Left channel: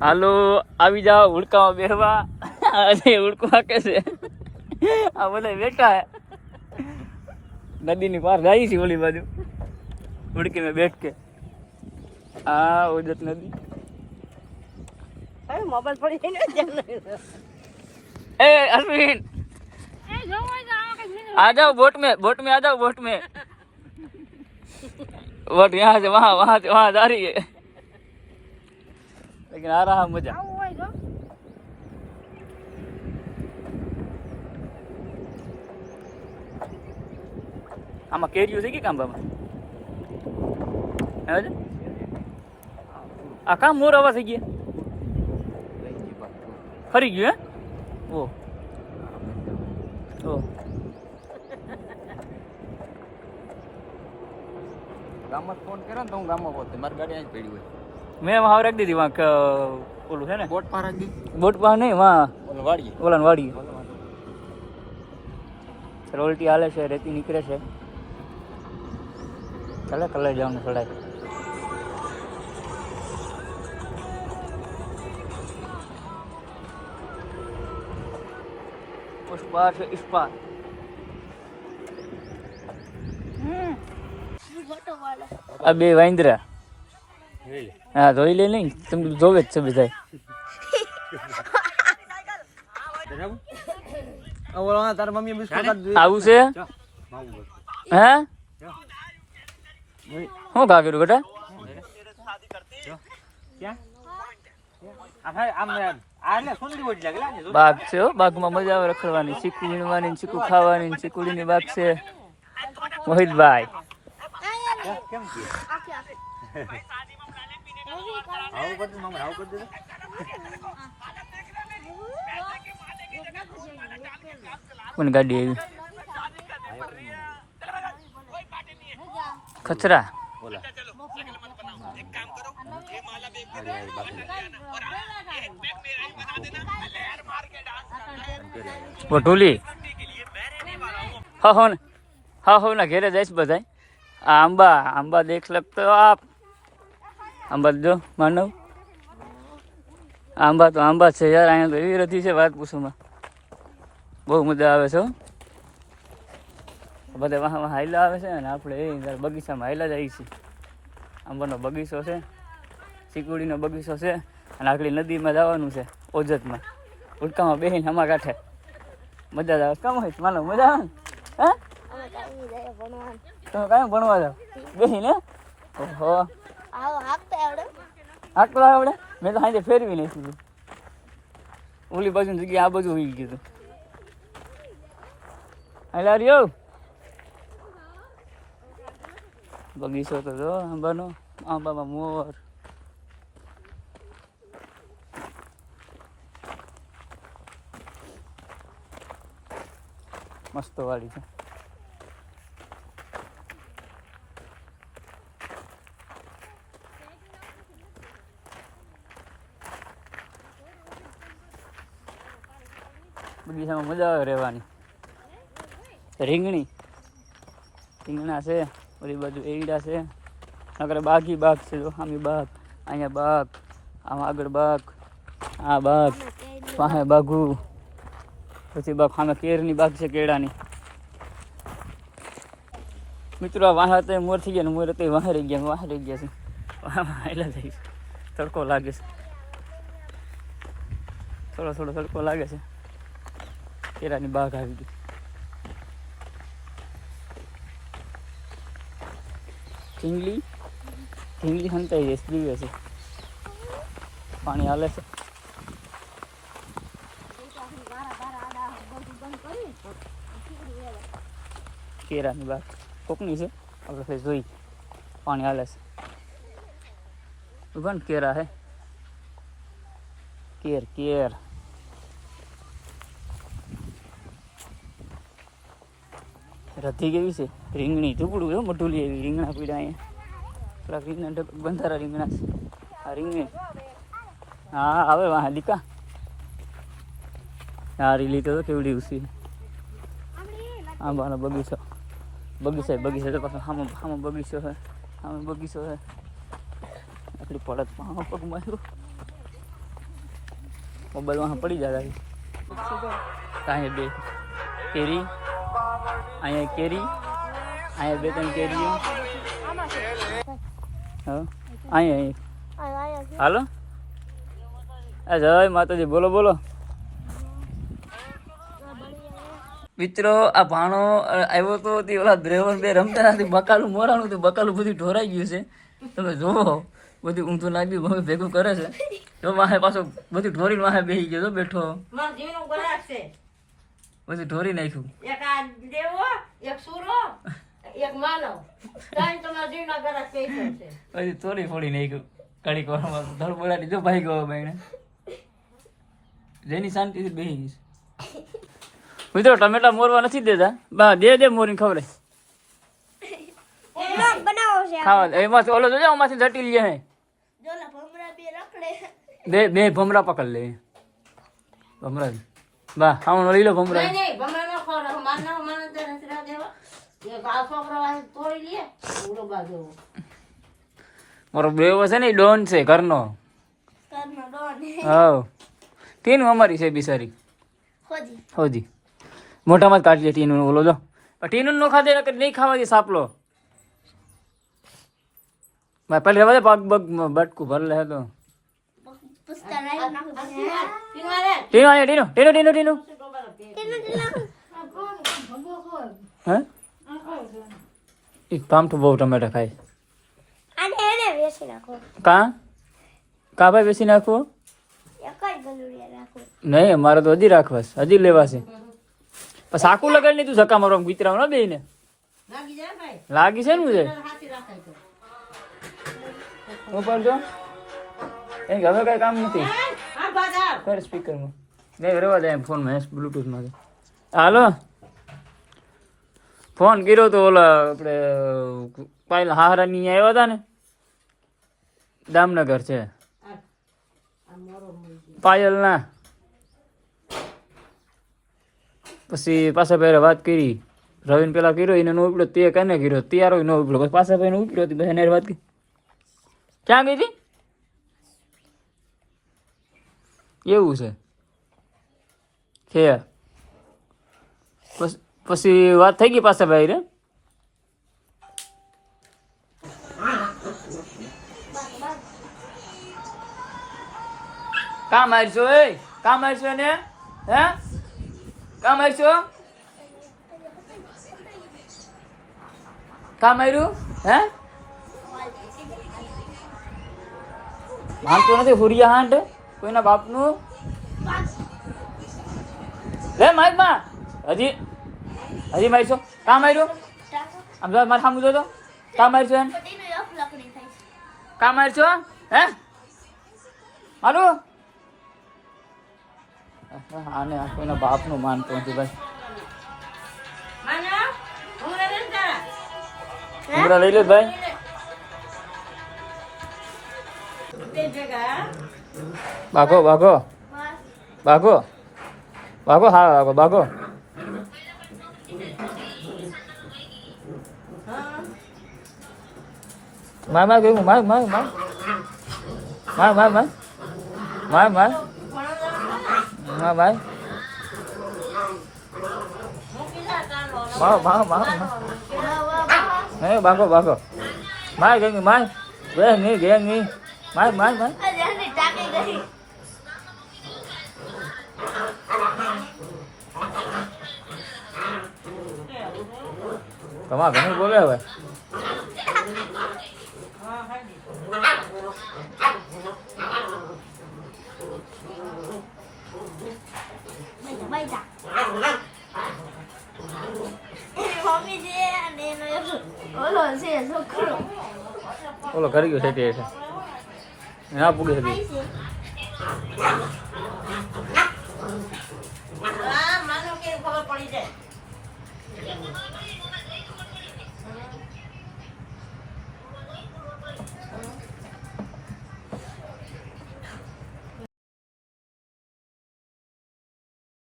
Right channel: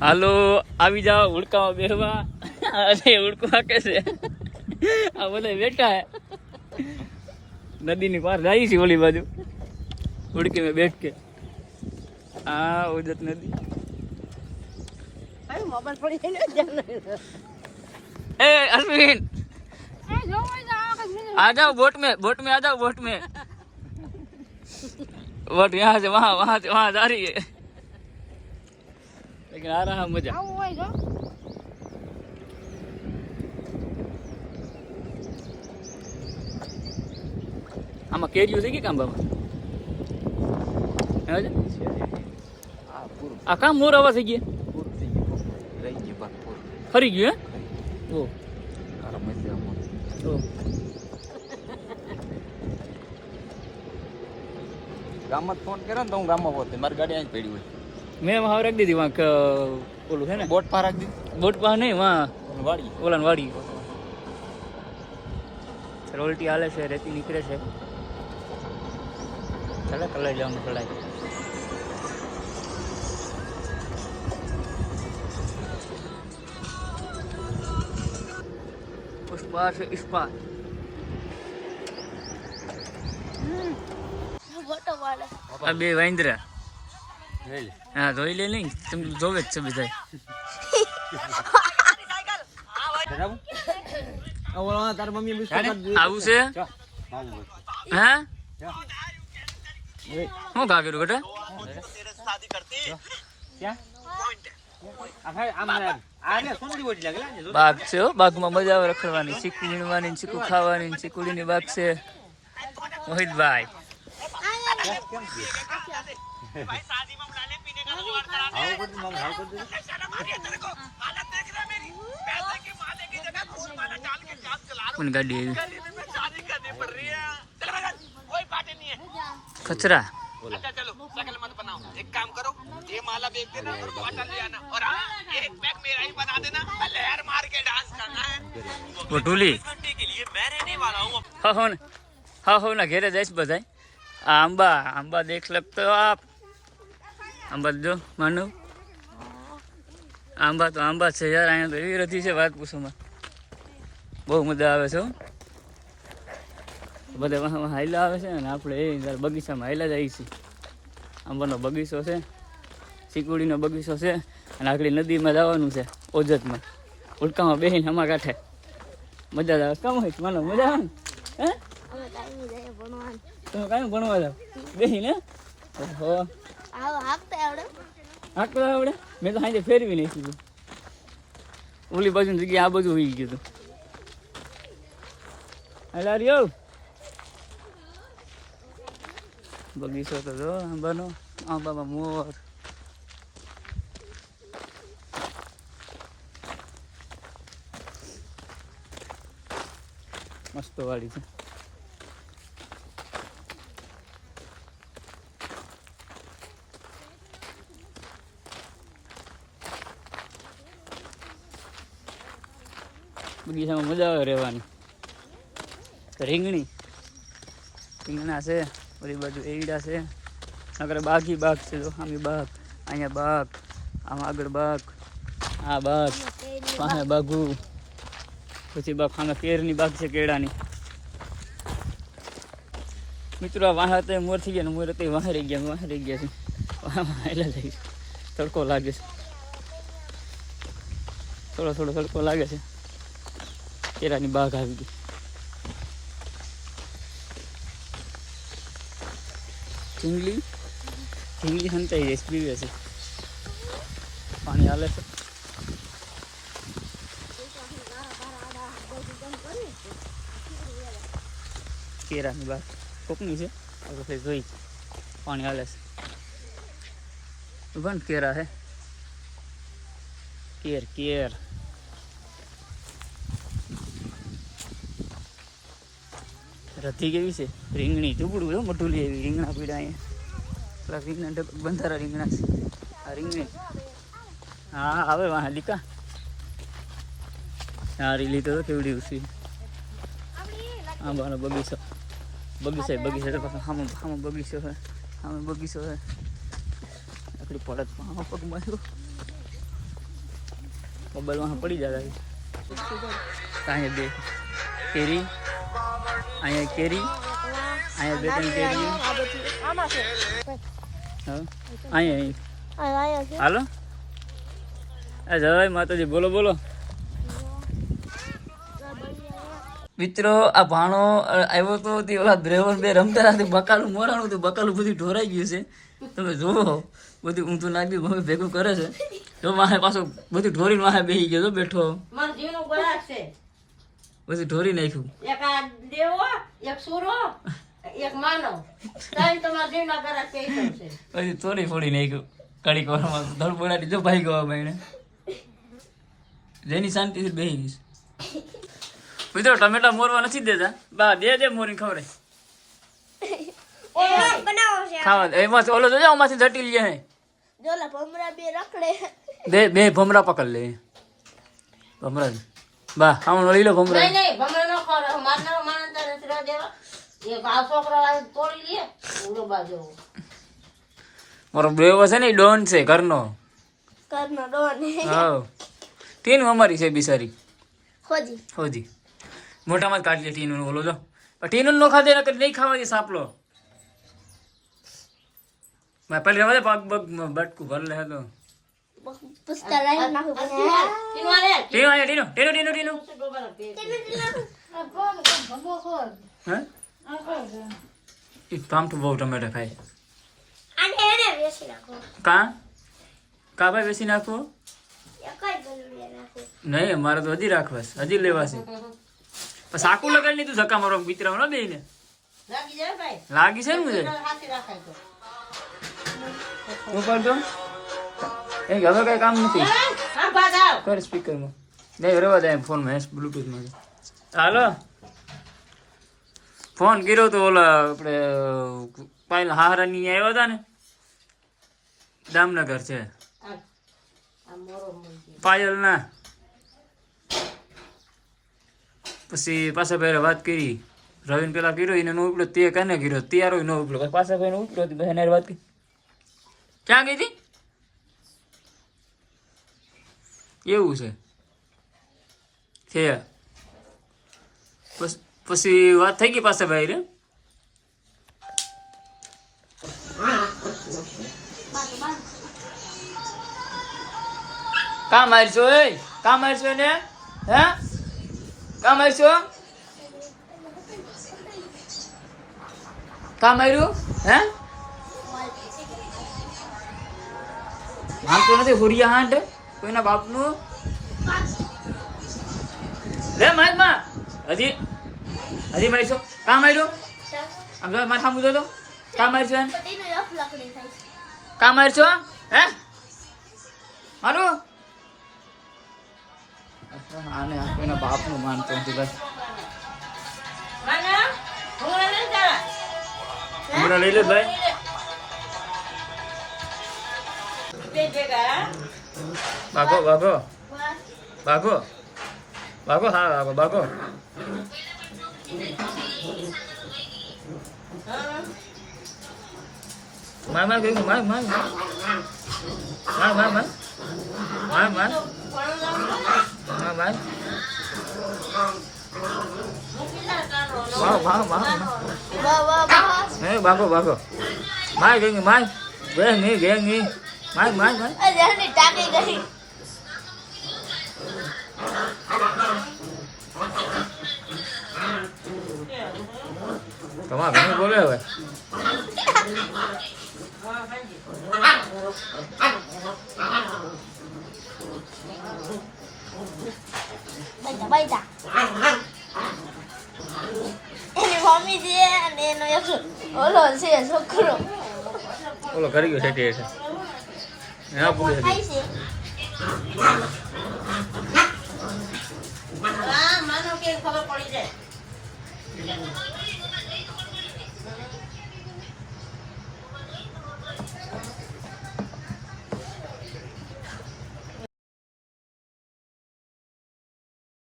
હાલો આવી જાઓ ઉડકામાં બેહવા અને ઉડકો હાકે છે આ બધા બેઠા હે નદીની પાર જાય છે ઓલી બાજુ ઉડકી में बैठ के આ ઓજત નદી અરે મોબાઈલ પડી ને ધ્યાન ए अश्विन आ जाओ बोट में आ जाओ बोट में बोट यहाँ से वहाँ से वहाँ जा रही है लेकिन आ रहा मजा આમાં કેરીઓ છે કે કાંબામાં આ કામ મોર આવા થઈ ગયા ફરી ગયું હે ઓ ગામમાં ફોન કર્યો ને તો હું ગામમાં પહોંચે મારી ગાડી અહીં પડી હોય મેં વहाँ रख दी थी वहाँ ओलू है ना બોટ પર રાખી દીધી बोट पर नहीं वहाँ વાડી ओला वाड़ी रोल्टी हाले से रेती निकले से चले कलर जाऊँ थोड़ा उस पार से इस पार આ બે વાંદરા હા ધોઈ લે નહીં તમે જોવે જ છે બધા તારા મમ્મી બિસ્કુટ આવું છે હે શું ઘા કર્યું બેટા બાગ છે હો બાગમાં મજા આવે રખડવાની ચીકુ વીણવાની ચીકુ ખાવાની ચીકુડીની બાગ છે મોહિતભાઈ કોણ ગાડી આવી खचरा वो ढोली हाँ हो ना घेरे जाइस बधाई आंबा आंबा देख सकते हो आप आंबा जो मानव आंबा છે યાર અહીંયા તો એવી રથી છે વાત પૂછોમાં બહુ મજા આવે છે બધા વાહ હાઈલા આવે છે ને આપણે એ બગીચામાં હાઈલા જઈએ છીએ આંબાનો બગીચો છે ચીકુડીનો બગીચો છે અને આખડી નદીમાં જવાનું છે ઓજતમાં ઉડકામાં બેસીને હમા કાંઠે મજા આવે કામ હોય માનો મજા આવે ને હે તમે કાંઈ ભણવા જાવ બેસીને ઓહો હાંકતા આવડે મેં તો સાંજે ફેરવી નહીં કીધું ઓલી બાજુની જગ્યાએ આ બધું હોઈ ગયું હતું હાલા રહ્યો બગીચો તો જો આંબાનો આંબામાં મોર મસ્ત વાડી છે બગીચામાં મજા આવે રહેવાની રીંગણા છે ઓલી બાજુ એવડા છે નકર બાગી બાગ છે જો આમી બાગ અહીંયા બાગ આમ આગળ બાગ આ બાગ પાસે બાગુ પછી બાગ સામે કેરની બાગ છે કેળાની મિત્રો આ વાહ તો મોર થઈ ગયા ને મોર તો વાહ રહી ગયા છે વાહેલા થઈ તડકો લાગે છે થોડો તડકો લાગે છે કેળાની બાગ આવી ગઈ ઢીંગલી હંતાઈ જાય પીવે છે પાણી હાલે છે કેરાની બાગ કોકની છે આપણે જોઈ પાણી હાલે છે ઉભા કેરા હે કેર રથી કેવી છે રીંગણી ટુકડું એવું મોટું લે એવી રીંગણા પીડા અહીંયા પેલા રીંગણા બંધારા રીંગણા છે આ રીંગણી હા આવે વાહ લીકા હા રીલી તો કેવડી ઉસી આંબાનો બગીચો પાછો સામે બગીચો છે આકડી પડત પગ માર્યો મોબાઈલમાં પડી જાય અહીંયા બે કેરી, અહીંયા કેરી, અહીંયા બે ત્રણ કેરી, હા અહીંયા હાલો. જય માતાજી. બોલો બોલો મિત્રો. આ ભાણો આવ્યો તો તે ઓલા ડ્રાઈવર બે રમતા નથી, બકાલું મોરાણું હતું, બકાલું બધું ઢોરાઈ ગયું છે. તમે જુઓ બધું ઊંધું નાખ્યું, મમ્મી ભેગું કરે છે. જો માહે પાછો બધું ઢોરીને માહે બેસી ગયો, બેઠો બધું ઢોરી નાખ્યું. પછી ચોરી ફોડી નાખ્યું કડીક વારમાં. ધડ બોલાટી જો ભાઈ ગયો ભાઈને, જેની શાંતિથી બેસી ગઈશ. મિત્રો ટમેટા મોરવા નથી દેતા, બા દે મોરીને ખવડાય ખાવા. એમાં ઓલો જોજો આમાંથી જટી લે બે ભમરા પકડ લે. ભમરા બા આમ લઈ લો ભમરા. મારો બેવો છે ને ડોન છે ઘરનો. હા ટીનું અમારી છે બિચારી હોજી. મોઢામાં જ કાઢી લે ટીનું. ઓલો જો ટીનું નો ખાધે નહીં ખાવા દે સાપલો. પહેલી રવા દે પગ બગ બટકું ભર લે તો ટીનું. હા કામ તો બહુ ટમેટા ખાય. કા ભાઈ બેસી નાખવો નહીં, અમારે તો હજી રાખવા, હજી લેવાશે. સાકું લગાડી નહીં તું ધક્કા મારો કૂતરા ના બે ને લાગી છે ને છે. હું પણ તો એ હવે કઈ કામ નથી કર સ્પીકરમાં નહીં રેવા દે ફોનમાં બ્લુટૂથમાં. હાલો ફોન કર્યો તો ઓલા આપણે પાયલ હારાની આવ્યા હતા ને, દામનગર છે પાયલ ના. પછી પાછા ભાઈ વાત કરી, રવિને પેલા કર્યો એને નો ઉપડ્યો, તે કને કર્યો તૈયારો નો ઉપડ્યો, પછી પાછા ભાઈ ઉપડ્યો હતી પછી વાત કરી. ક્યાં ગઈ હતી એવું છે. પછી વાત થઈ ગઈ પાછા ભાઈ રે. કા મારશો એ કા મારશો ને હે કા મારશો કા માર્યું હે માનતો નથી હુરિયા હાંડ કોઈના બાપનું લે માર હજી મારીશો કા માર્યો આમ જો મારે સામું જો કા મારશો એમ કા મારશો હે મારું આને કોઈના બાપનું માનતો નથી ભાઈ. ઉમરા લઈ લે ભાઈ. ભાગો ભાગો ભાગો ભાગો હા ભાગો ભાગો. માર માર ગયું માર માર માર માર માર માર માર માર માર ભાઈ માર માર માર હે ભાગો ભાગો માર ગઈ માર ગે ની માર માર માર તમારા ઘણું બોલે હવે. ઓલો કરી ગયો છે હા પૂરી હતી. ખબર પડી જાય